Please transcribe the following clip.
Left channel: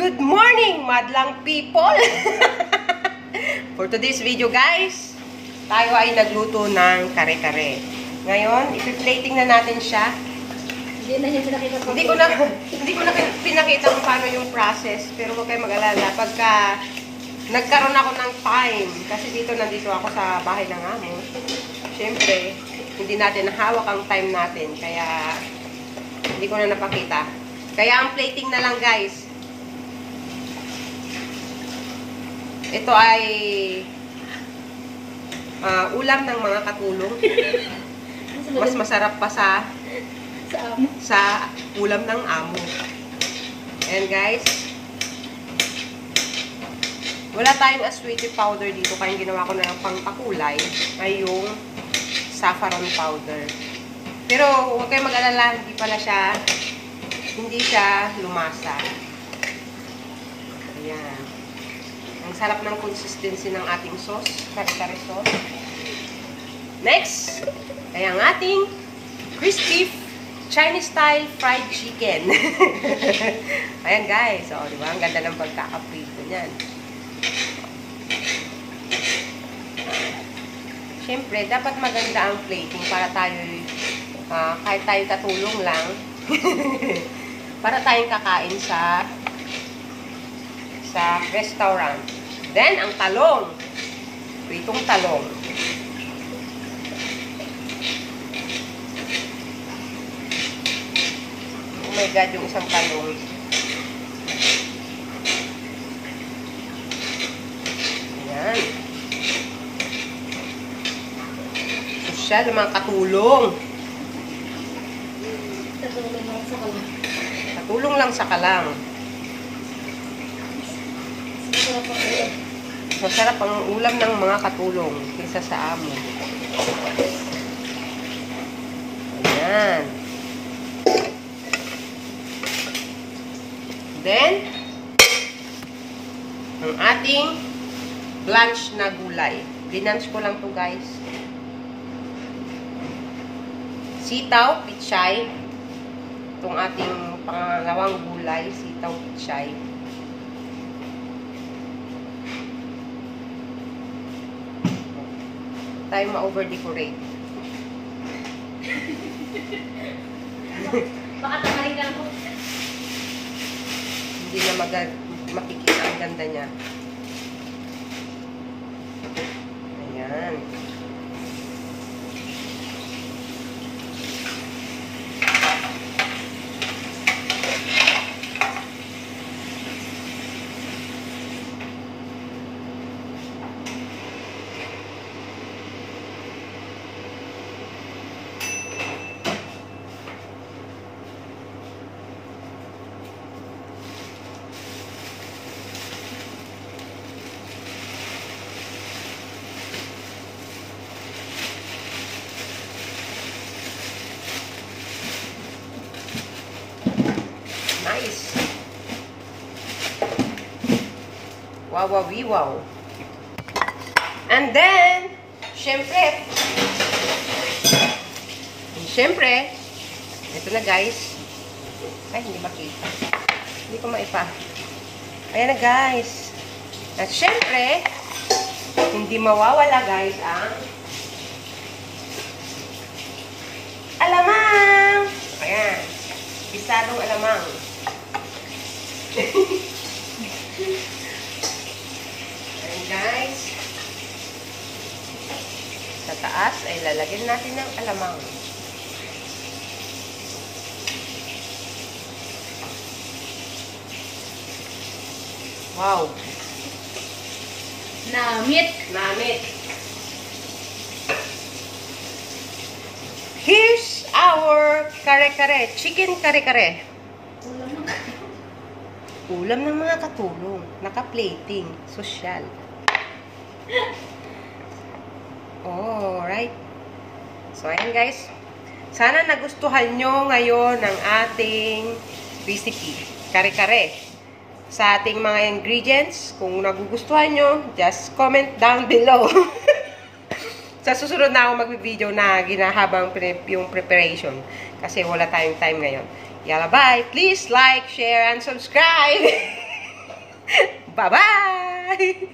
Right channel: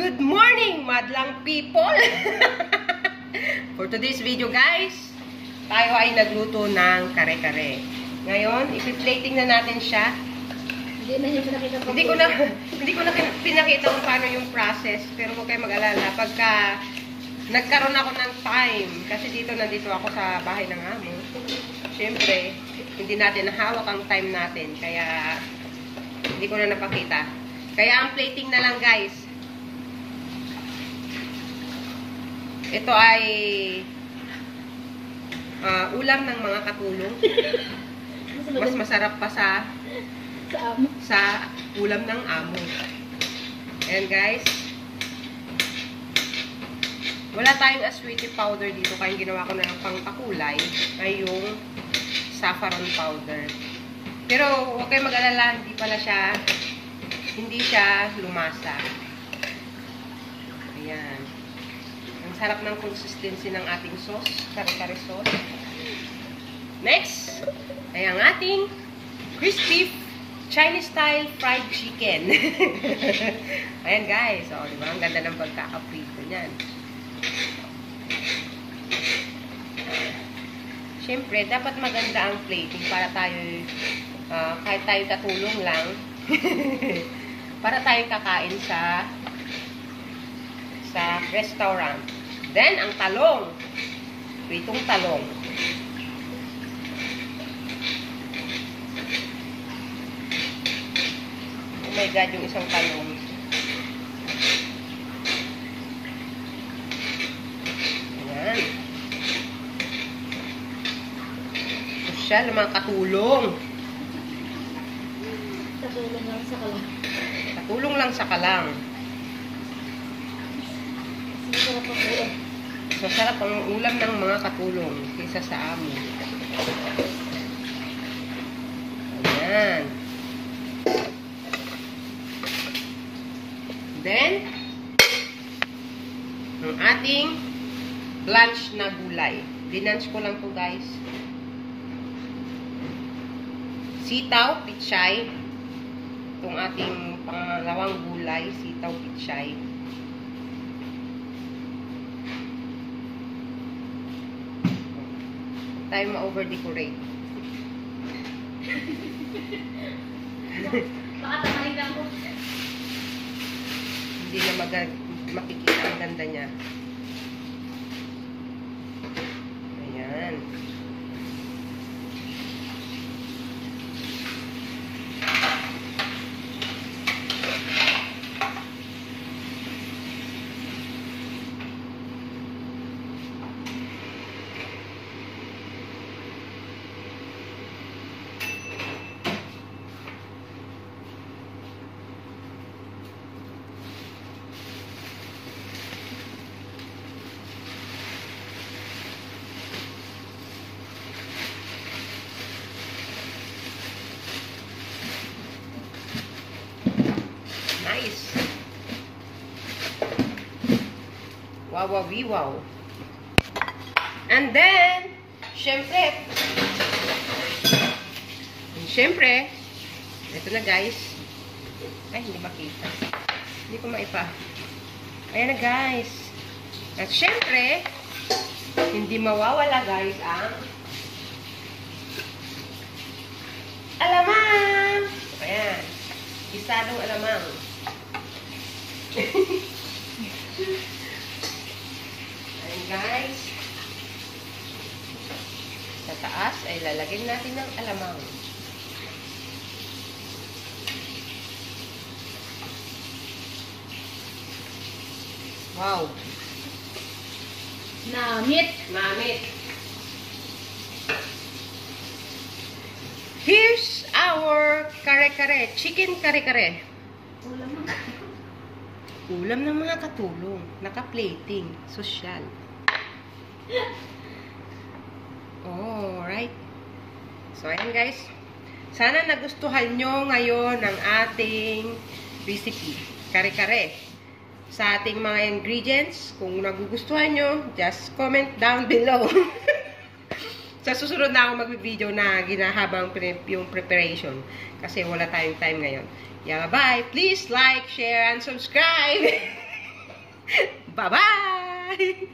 Good morning, madlang people! For today's video, guys, tayo ay nagluto ng kare-kare. Ngayon, ipi-plating na natin siya. Hindi ko na pinakita kung paano yung process, pero huwag kayo mag-alala. Pagka nagkaroon ako ng time, kasi nandito ako sa bahay ng amo, syempre, hindi natin nahawak ang time natin, kaya hindi ko na napakita. Kaya ang plating na lang, guys. Ito ay ulam ng mga katulong. Mas masarap pa sa ulam ng amo. Ayan, guys. Wala tayong asweetie powder dito, kaya ginawa ko na pangpakulay ay yung saffron powder. Pero huwag kayong mag-alala, hindi siya lumasa. Ayan. Ang sarap ng consistency ng ating sauce, kare-kare sauce. Next, ay ang ating crispy Chinese style fried chicken. Ayan, guys. O, diba? Ang ganda ng pagkakaprito niyan. Siyempre, dapat maganda ang plating para tayo, kahit tayo tatulong lang, para tayong kakain sa restaurant. Then, ang talong. Pritong talong. Oh my God, yung isang talong. Ayan. Sosyal, yung mga katulong. Katulong lang sa kalang. Katulong lang sa kalang. Masarap ang ulam. Masarap ang ulam ng mga katulong kaysa sa amo. Ayan. Then, ang ating blanch na gulay. Binanch ko lang to, guys. Sitaw, pichay. Itong ating pangalawang gulay, sitaw, pichay. Tayo ma-over-decorate. Baka tamarin ka lang. Hindi na makikita ang ganda niya. Ayan. Nice. Wow, wow, wow. And then, syempre, ito na, guys. Ay, hindi makita. Hindi ko maipa. Ayan na, guys. At syempre, hindi mawawala, guys, ang alamang. Ayan. Bisadong alamang. Ayan, guys. Sa taas ay lalagyan natin ng alamang. Wow. Namit. Here's our kare-kare. Chicken kare-kare. Ulam ng mga katulong. Naka-plating. Sosyal. Alright. So, ayan, guys. Sana nagustuhan nyo ngayon ang ating recipe. Kare-kare. Sa ating mga ingredients, kung nagugustuhan nyo, just comment down below. Sa susunod na ako mag-video na ginahabang yung preparation. Kasi wala tayong time ngayon. Yalla, bye! Please like, share, and subscribe! Bye-bye!